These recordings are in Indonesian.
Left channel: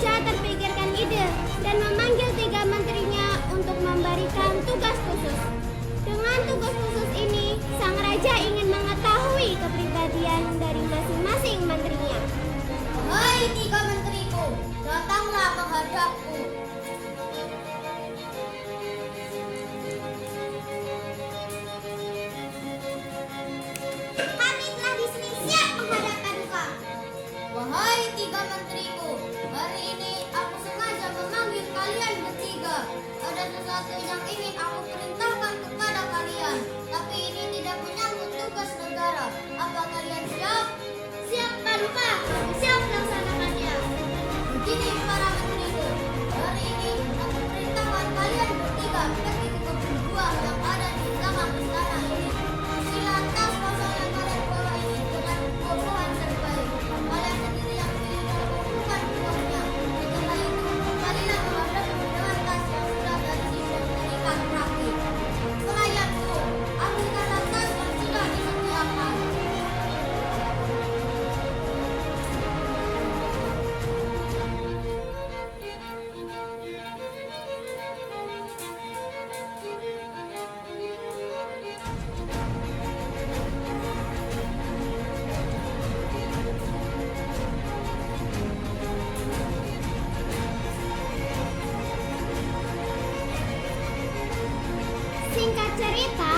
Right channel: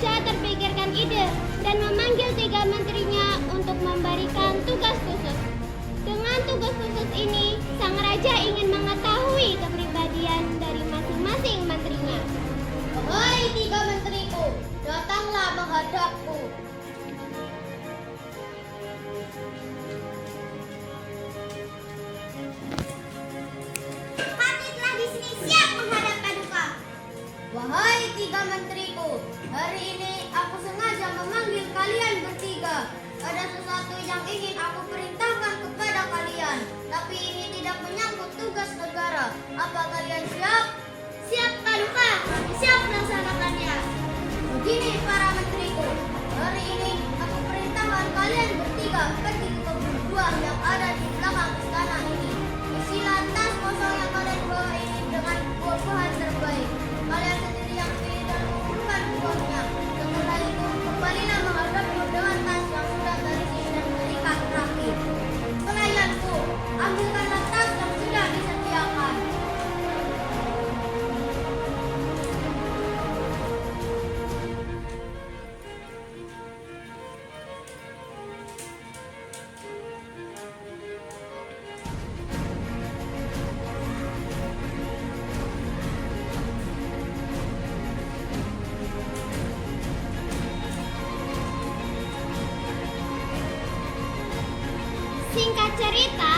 Raja terpikirkan ide dan memanggil 3 menterinya untuk memberikan tugas khusus. Dengan tugas khusus ini, sang raja ingin mengetahui kepribadian dari masing-masing menterinya. Wahai 3 menteriku, datanglah menghadapku. Kami telah di sini siap menghadap Paduka. Wahai 3 menteriku, hari ini aku sengaja memanggil kalian bertiga. Ada sesuatu yang ingin aku perintahkan kepada kalian, tapi ini tidak menyangkut tugas negara. Apa kalian siap? Siap Paduka, siap melaksanakannya. Begini para menteriku, hari ini aku perintahkan kalian bertiga pergi ke kebun buah yang ada di belakang istana ini. Isilah tas kosong yang kalian bawa ini dengan buah-buahan terbaik. Kalian sendiri yang pilih dan kumpulkan buahnya. Setelah itu, kembalilah menghadapku dengan tas yang sudah terisi dan terikat rapi. Pelayanku, ambilkanlah tas yang sudah disediakan. Singkat cerita,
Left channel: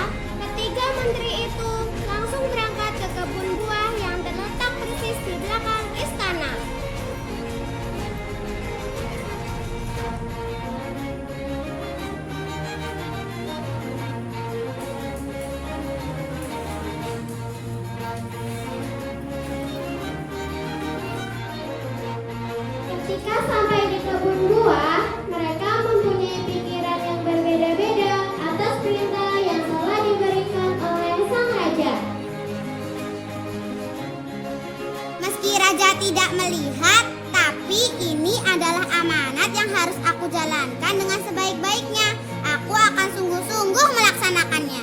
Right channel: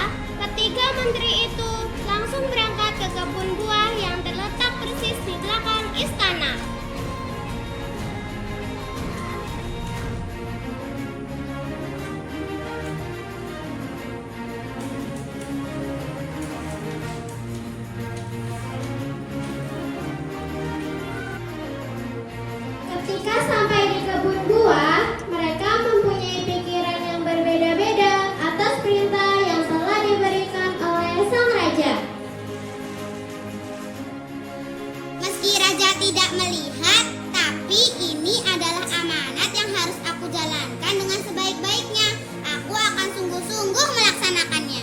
ketiga menteri itu langsung berangkat ke kebun buah yang terletak persis di belakang istana. Ketika sampai di kebun buah, mereka mempunyai pikiran yang berbeda-beda atas perintah yang telah diberikan oleh sang raja. Meski raja tidak melihat, tapi ini adalah amanat yang harus aku jalankan dengan sebaik-baiknya. Aku akan sungguh-sungguh melaksanakannya.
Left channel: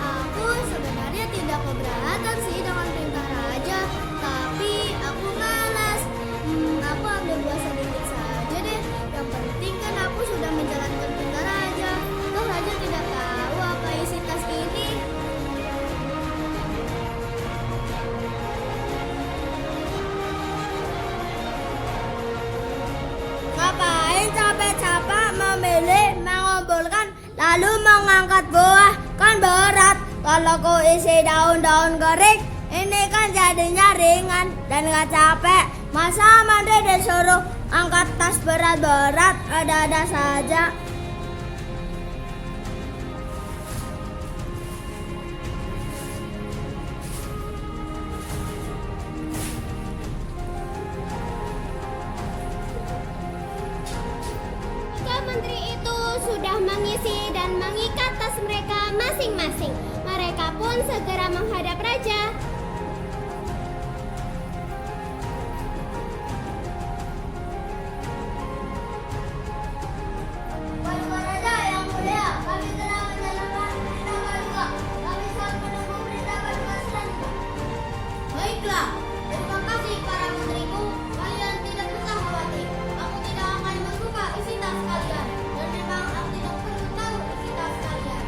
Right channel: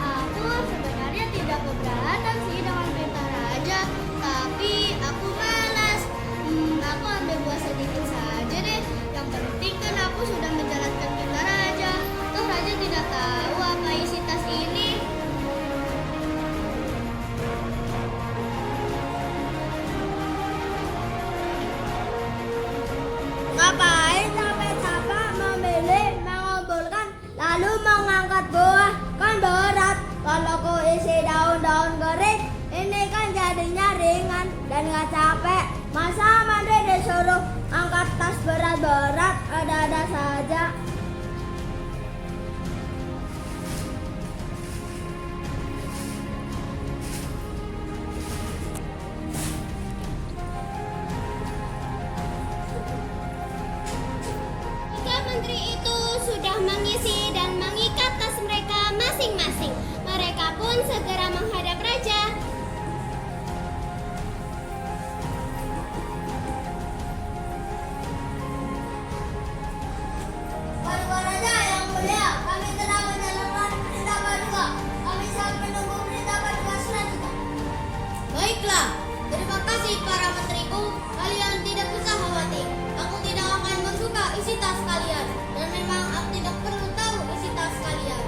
Aku sebenarnya tidak keberatan sih dengan perintah raja, tapi aku malas. Aku ambil buah sedikit saja deh. Yang penting kan aku sudah menjalankan perintah raja. Toh raja tidak tahu apa isi tas ini. Ngapain capek-capek memilih, mengumpulkan, lalu mengangkat buah? Kan berat. Kalau ku isi daun-daun kering, ini kan jadinya ringan dan gak capek. Masa Mandri disuruh angkat tas berat-berat, ada-ada saja. Tiga menteri itu sudah mengisi dan mengikat tas mereka masing-masing. Mereka pun segera menghadap raja. Paduka Raja yang mulia, kami telah menjalankan perintah Paduka. Kami siap menunggu perintah Paduka selanjutnya. Baiklah, terima kasih para menteriku. Kalian tidak usah khawatir. Aku tidak akan membuka isi tas kalian. Dan memang aku tidak perlu tahu isi tas kalian.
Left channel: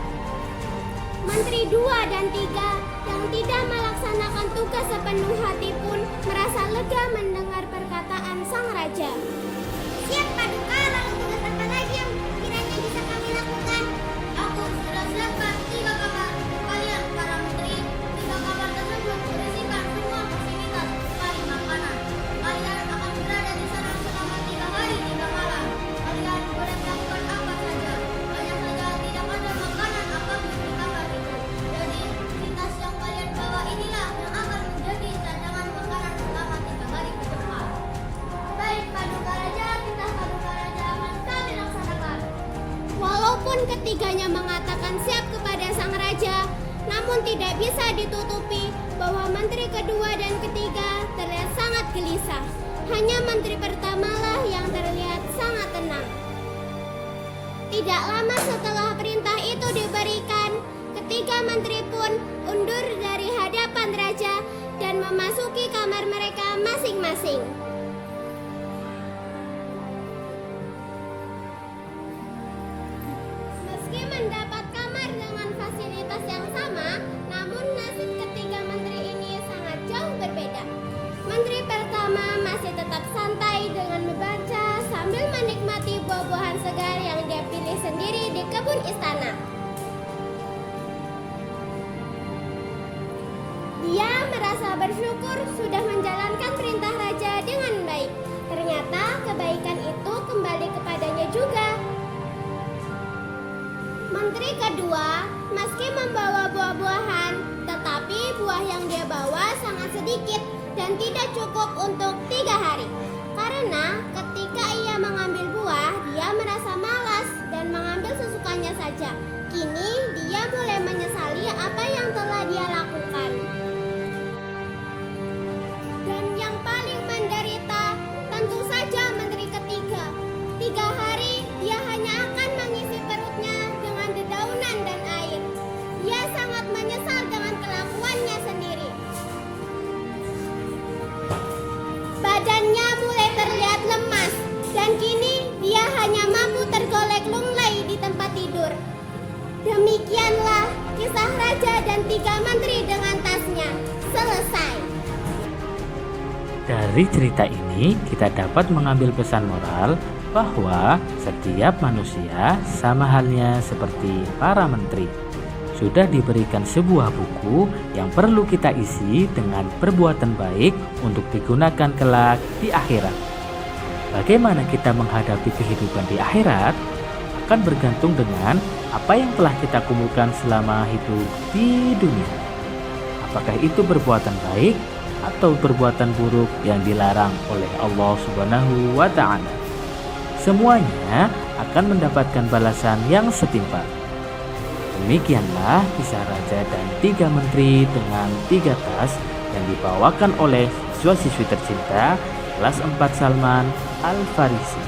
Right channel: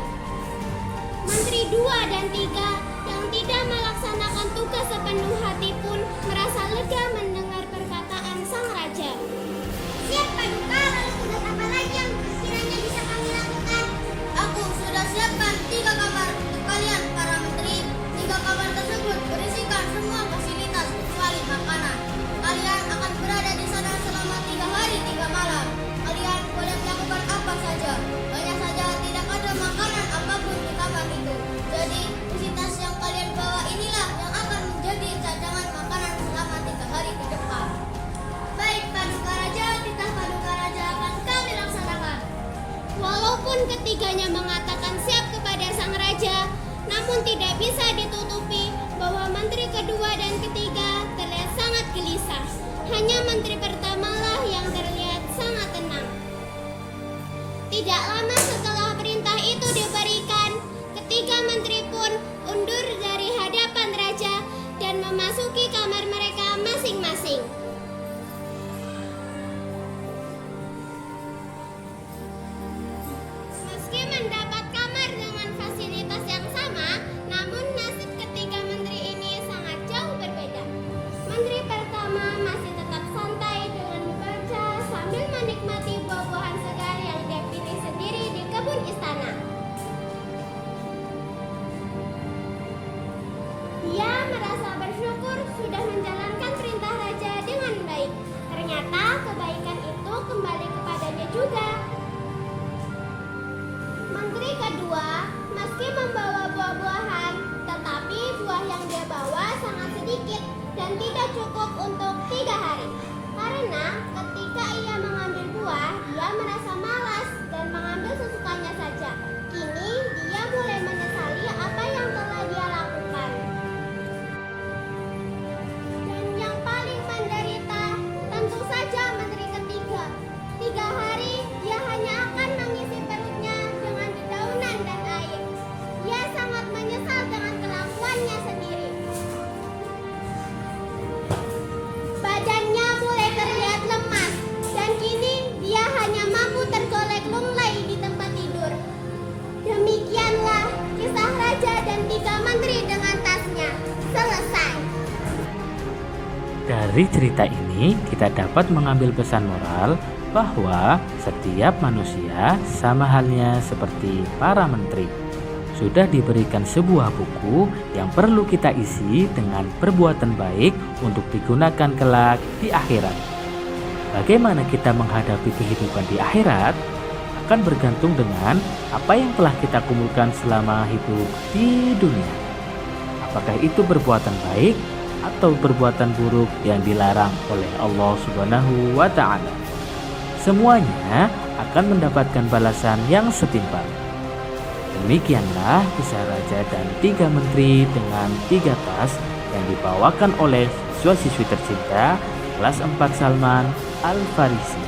Menteri 2 dan 3 yang tidak melaksanakan tugas sepenuh hati pun merasa lega mendengar perkataan sang raja. Siap Paduka, lalu tugas apa lagi yang kiranya bisa kami lakukan? Aku sudah siapkan 3 kamar untuk kalian para menteri. 3 kamar tersebut berisikan semua fasilitas kecuali makanan. Kalian akan berada di sana selama 3 hari 3 malam. Kalian boleh melakukan apa saja. Hanya saja tidak ada makanan apapun di kamar itu. Jadi fasilitas yang kalian bawa inilah yang akan menjadi cadangan makanan selama 3 hari ke depan. Baik Paduka Raja, titah Paduka Raja akan kami laksanakan. Walaupun ketiganya mengatakan siap kepada sang raja, namun tidak bisa ditutupi bahwa menteri kedua dan ketiga terlihat sangat gelisah. Hanya menteri pertamalah yang terlihat Tidak lama setelah perintah itu diberikan, ketiga menteri pun undur dari hadapan raja dan memasuki kamar mereka masing-masing. Meski mendapat kamar dengan fasilitas yang sama, namun nasib ketiga menteri ini sangat jauh berbeda. Menteri pertama masih tetap santai dengan membaca sambil menikmati buah-buahan segar yang dia pilih sendiri di kebun istana. Dia merasa bersyukur sudah menjalankan perintah raja dengan baik. Ternyata kebaikan itu kembali kepadanya juga. Menteri kedua, meski membawa buah-buahan, tetapi buah yang dia bawa sangat sedikit dan tidak cukup untuk 3 hari. Karena ketika ia mengambil buah, dia merasa malas dan mengambil sesukanya saja. Kini dia mulai menyesali apa yang telah dia lakukan. Dan yang paling menderita tentu saja menteri ketiga. 3 hari dia hanya akan mengisi perutnya dengan dedaunan dan air. Dia sangat menyesal dengan kelakuannya sendiri. Badannya mulai terlihat lemas dan kini dia hanya mampu tergolek lunglai di tempat tidur. Demikianlah kisah raja dan 3 menteri dengan tasnya. Selesai. Dari cerita ini kita dapat mengambil pesan moral bahwa setiap manusia sama halnya seperti para menteri. Sudah diberikan sebuah buku yang perlu kita isi dengan perbuatan baik untuk digunakan kelak di akhirat. Bagaimana kita menghadapi kehidupan di akhirat akan bergantung dengan apa yang telah kita kumpulkan selama hidup di dunia. Apakah itu perbuatan baik atau perbuatan buruk yang dilarang oleh Allah Subhanahu wa Ta'ala. Semuanya akan mendapatkan balasan yang setimpal. Demikianlah kisah raja dan 3 menteri dengan 3 tas yang dibawakan oleh siswa-siswi tercinta kelas 4 Salman Al-Farisi.